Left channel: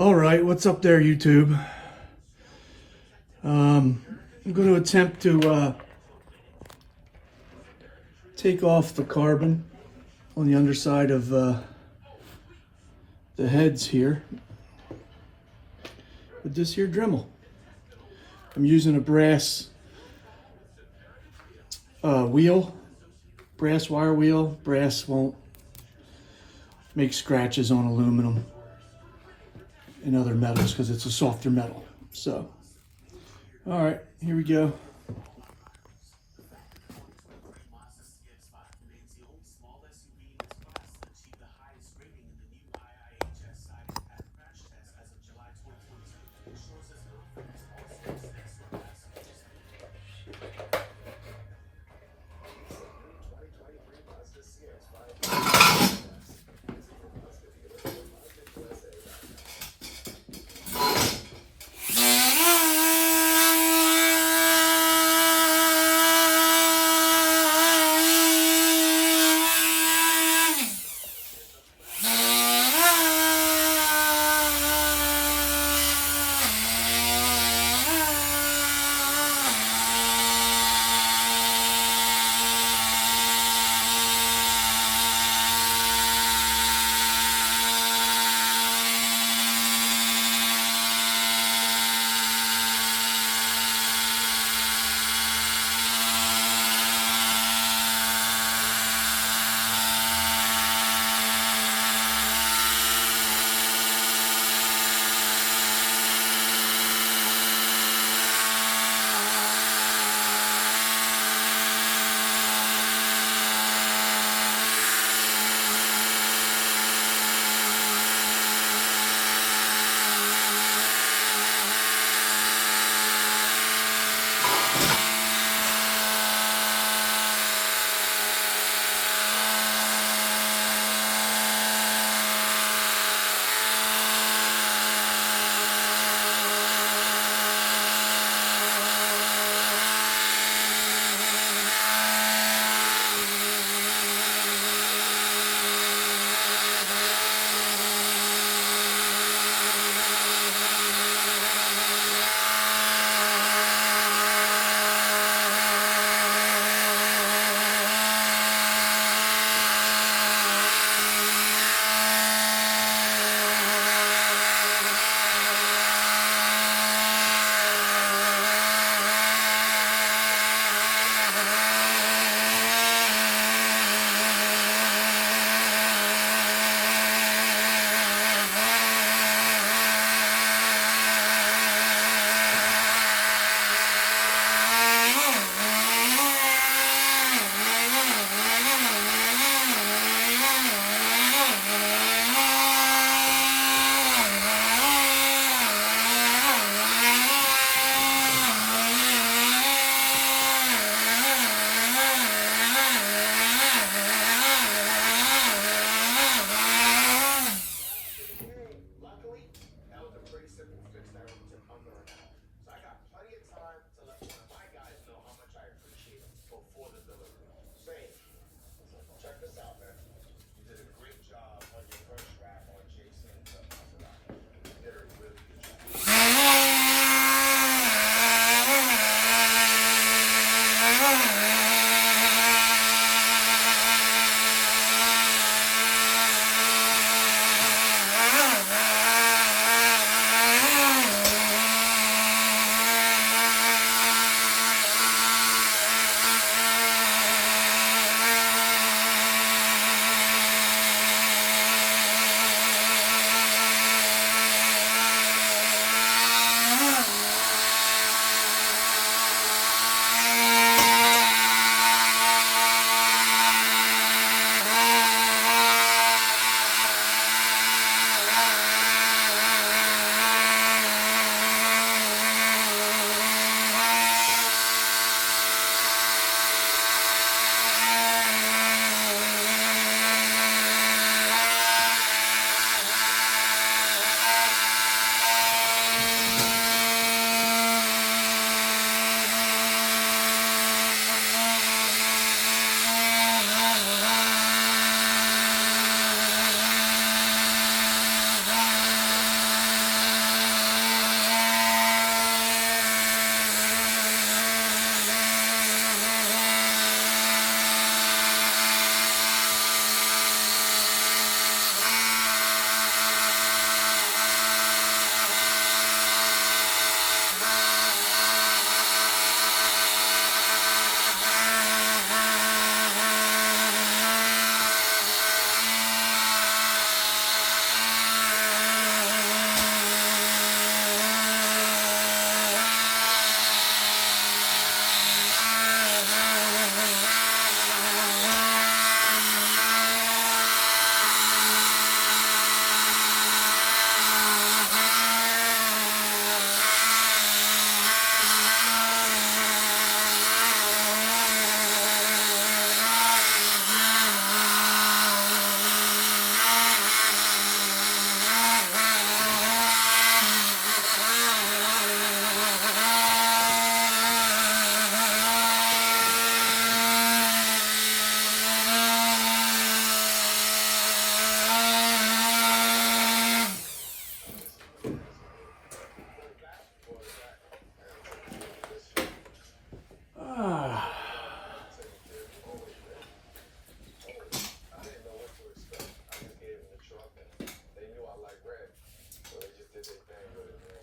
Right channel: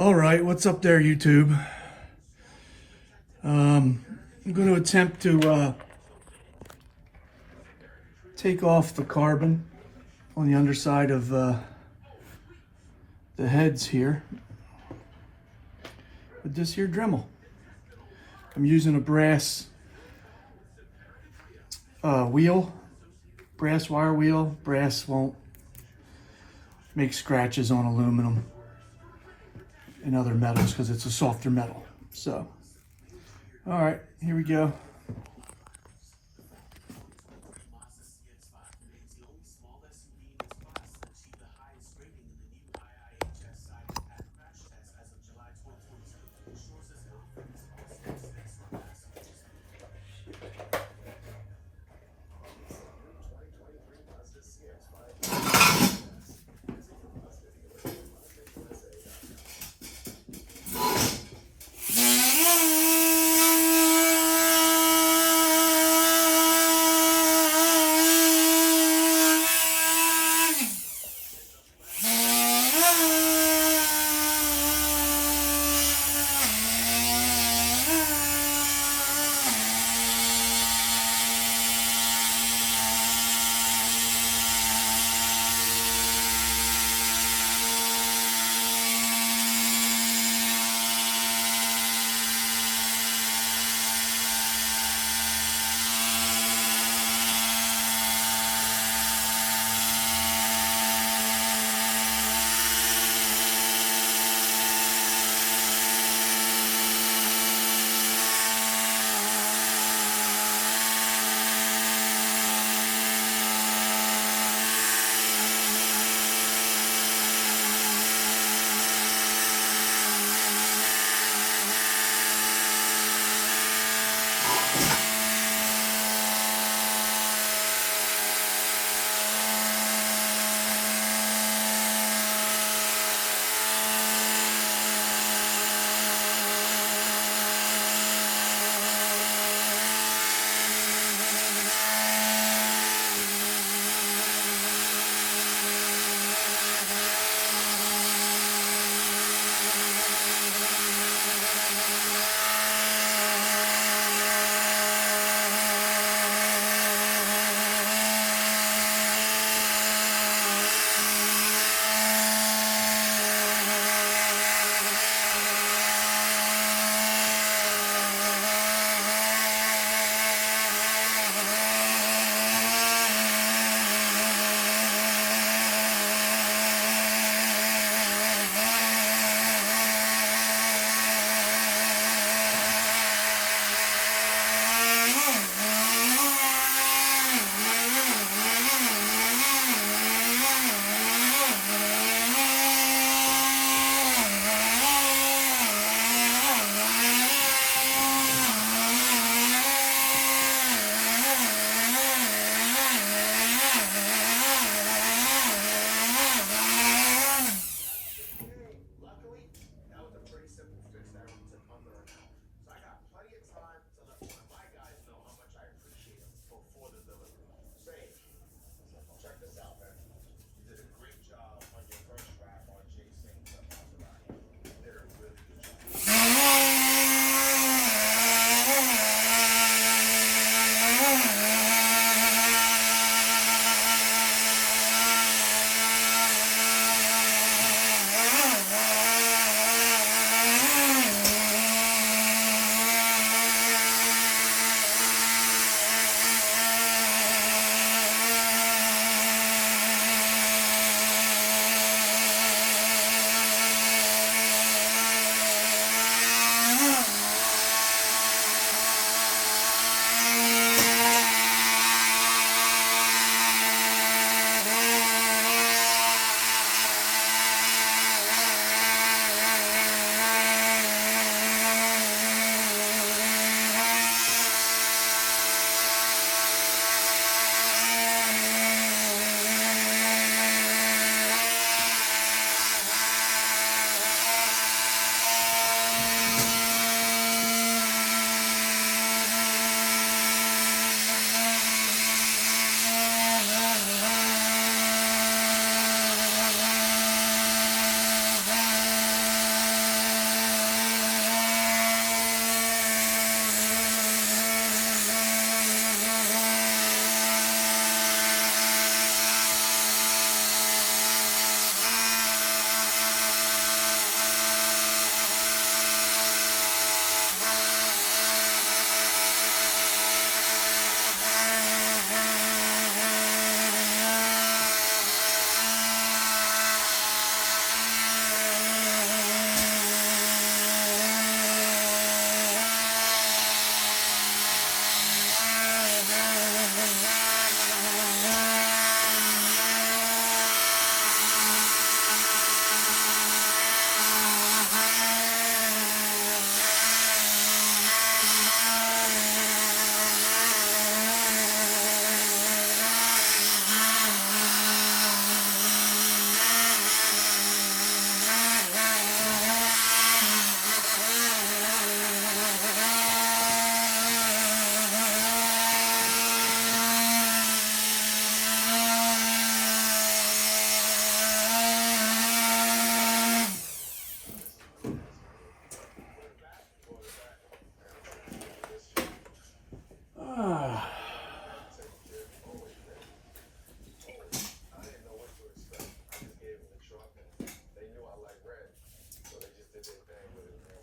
All right, what's up there, YouTube? I'm going to attempt to take off the carbon on the underside of the heads here with this here Dremel. I'm using a brass wheel, brass wire wheel. Brass won't make scratches on aluminum and other metals because it's a softer metal. So, all right, here we go.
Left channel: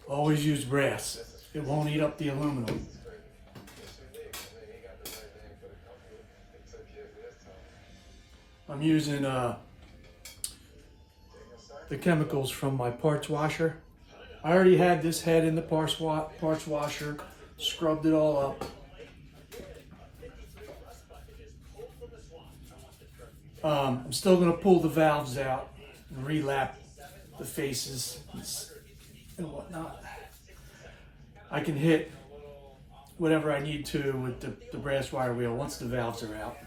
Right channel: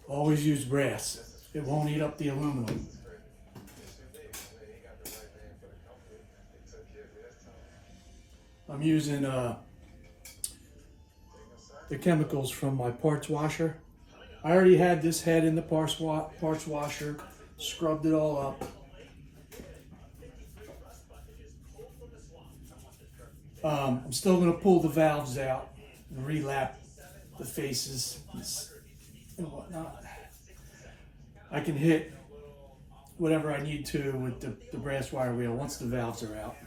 Always use brass. It won't eat up the aluminum. I'm using the chemicals from my parts washer. I already had this head in the parts washer, scrubbed it all up. I'm still going to pull the valves out and relap the faces and whatnot. I can hit whatever I need to with the brass wire wheel once the valves are out.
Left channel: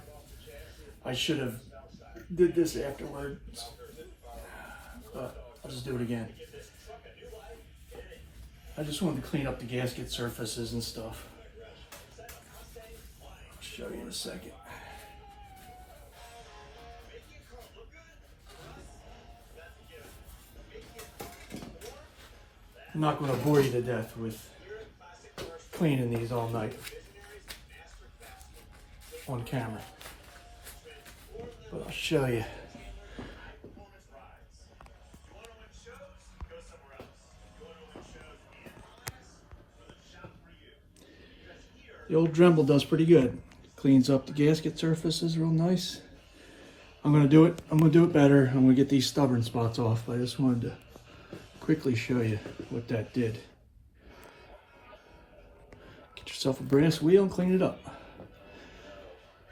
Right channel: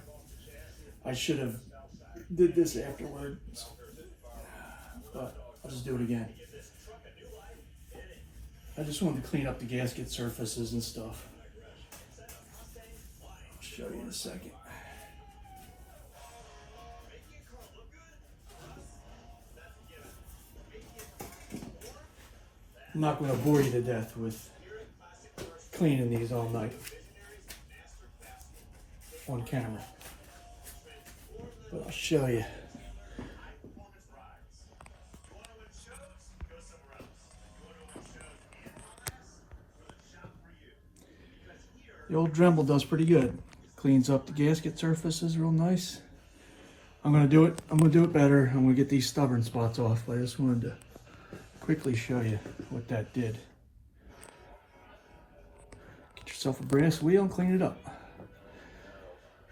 I should have did this afterwards, but I'll just do it again. I just wanted to clean up the gasket surfaces and stuff. I'll show you in a second. I'm not going to bore you to death with cleaning these all night on camera, but I'll show you. The old Dremel does pretty good. Cleans up the gasket surfaces real nice. I'm going to do it better. I'm going to get these stubborn spots off. I just wanted to quickly show you what that did. Get yourself a brass wheel and clean it up.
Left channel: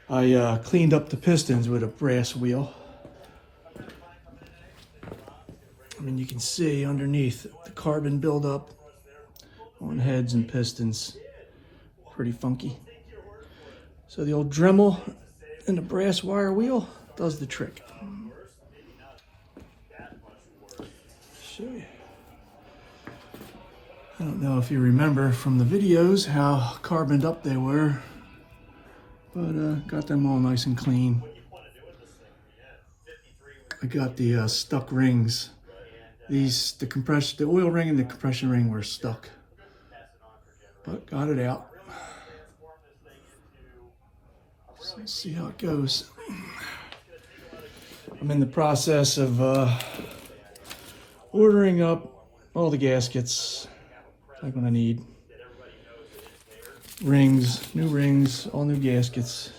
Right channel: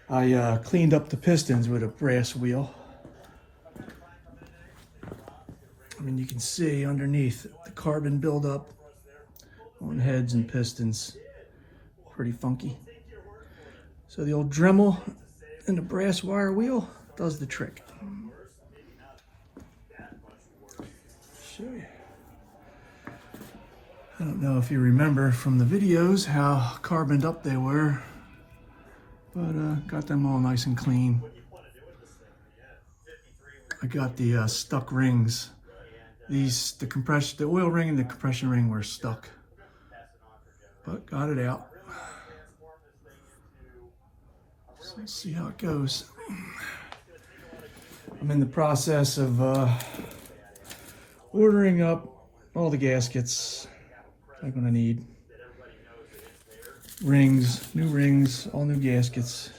I cleaned up the pistons with a brass wheel. I mean, you can see underneath the carbon buildup on heads and pistons. Pretty funky. So the old Dremel and the brass wire wheel does the trick. Show you. I don't know if you remember from the videos how carboned up they were, but got them all nice and clean. I got the stuck rings. The oil ring and the compression ring were stuck, but got it out. So let's see how it goes. I'm in the process of ordering up all the gaskets I'm gonna need. Rings, all new gaskets,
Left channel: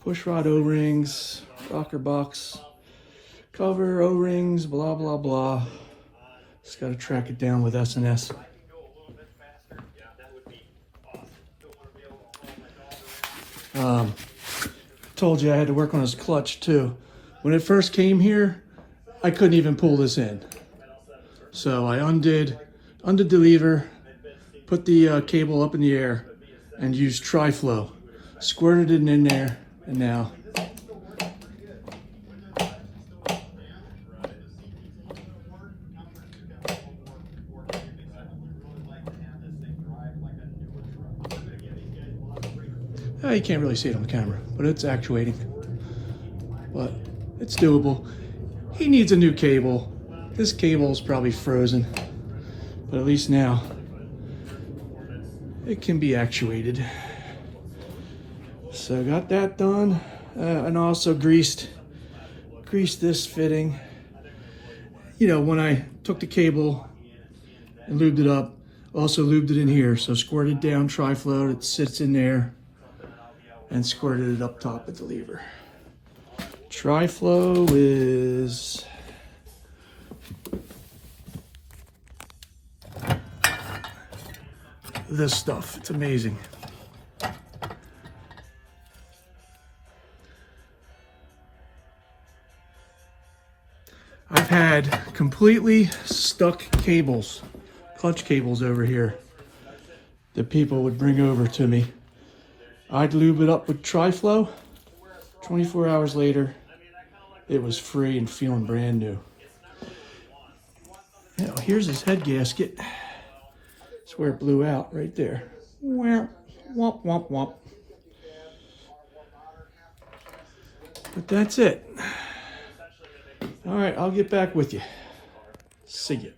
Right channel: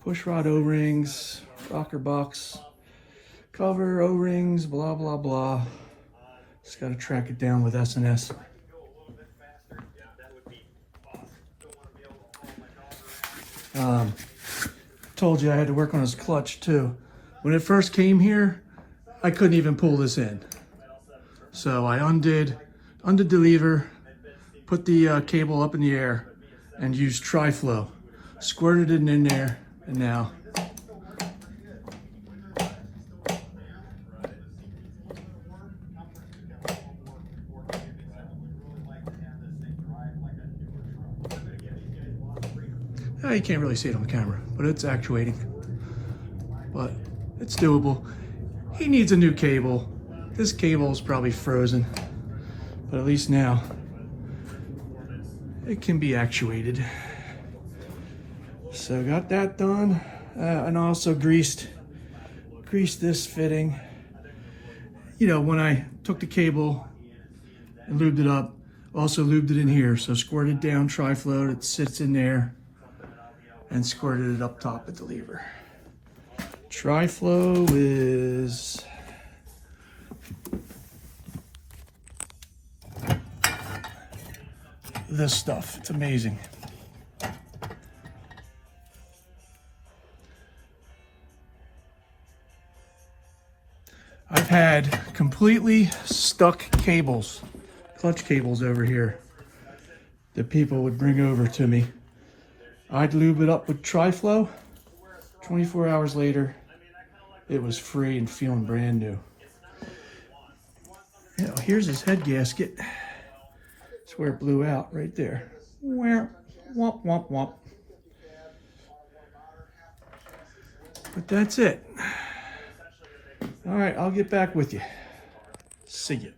push rod O-rings, rocker box, cover O-rings, blah, blah, blah. Just gotta track it down with S&S. Told you I had to work on his clutch too. When it first came here, I couldn't even pull this in. So I undid the lever, put the cable up in the air, and used tri-flow. Squirted it in there, and now you can't really see it on the camera, but it's actuating. But it's doable. He needs a new cable. This cable is probably frozen, but at least now it can be actuated. So got that done, and also greased this fitting. You know, when I took the cable and lubed it up, also lubed it in here. So squirted down tri-flow, it sits in there, and squirted it up top at the lever. Tri-flow is this stuff. It's amazing. I've had completely stuck cables, clutch cables over here that people would bring over to me. I'd lube it up with tri-flow. 24 hours later, it was free and feeling brand new. You know, here's his head gasket. That's where it blew out, right there. Womp, womp, womp. But that's it. All right, I'll get back with you. See ya.